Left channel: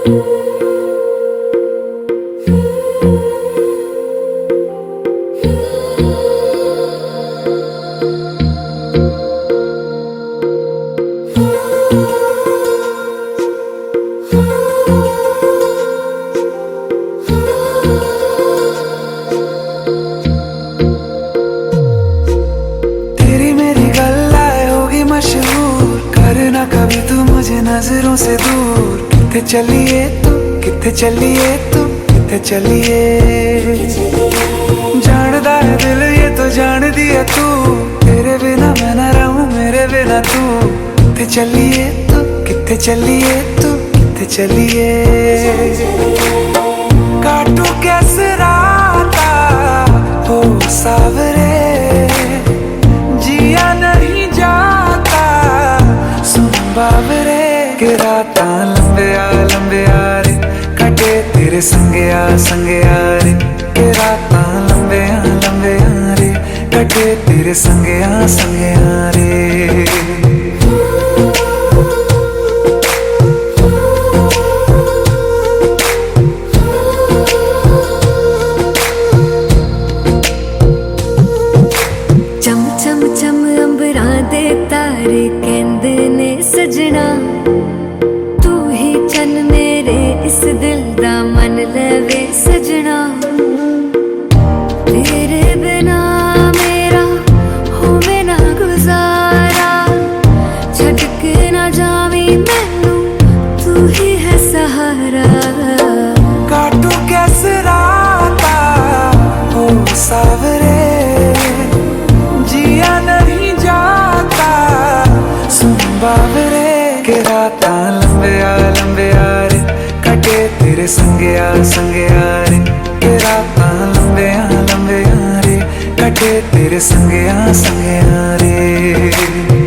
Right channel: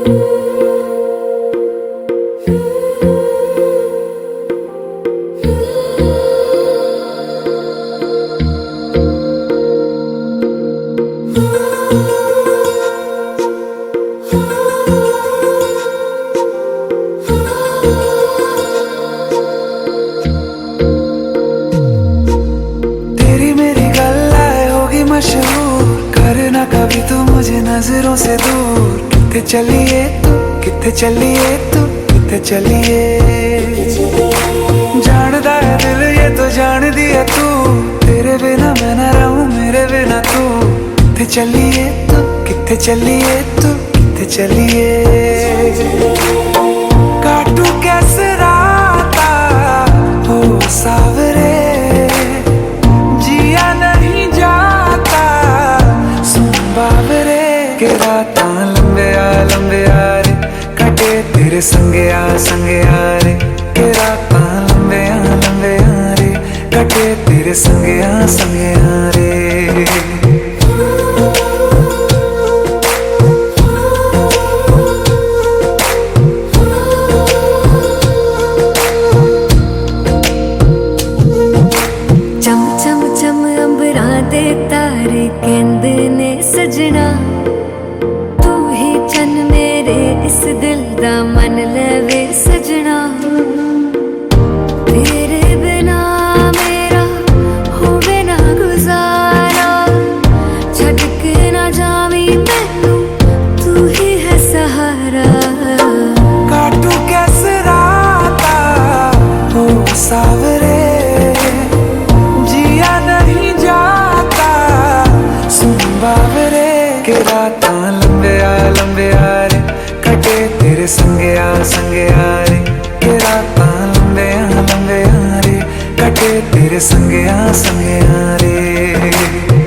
तेरी मेरी गल्लाए होगी मशहूर, करना कभी तू मुझे नजरों से दूर। किथे चलिए तू, किथे चलिए तू, किथे चलिए। जानदा है दिल ये तो जान दिया तू, तेरे बिना मैं ना रहूं मेरे बिना तू। किथे चलिए तू, किथे चलिए तू, किथे चलिए। काटू कैसे राता हो सावरे, जिया नहीं जाता सुन बाबरे। के राता लंबे आ रे, कटे तेरे संगे आ रे। के राता लंबे आ रे, कटे तेरे संगे आ रे। चम चम चम अंबरां दे तारे कहंदे ने सजना, तू ही चन मेरे इस दिल दा मन लवे सजना। तेरे बिना मेरा होवे ना गुजारा, छड्ड के ना जावी मैनू तू ही है सहारा। काटू कैसे राता हो सावरे, जिया नहीं जाता सुन बाबरे। के राता लंबे आ रे, कटे तेरे संगे आ रे। के राता लंबे आ रे, कटे तेरे संगे आ रे।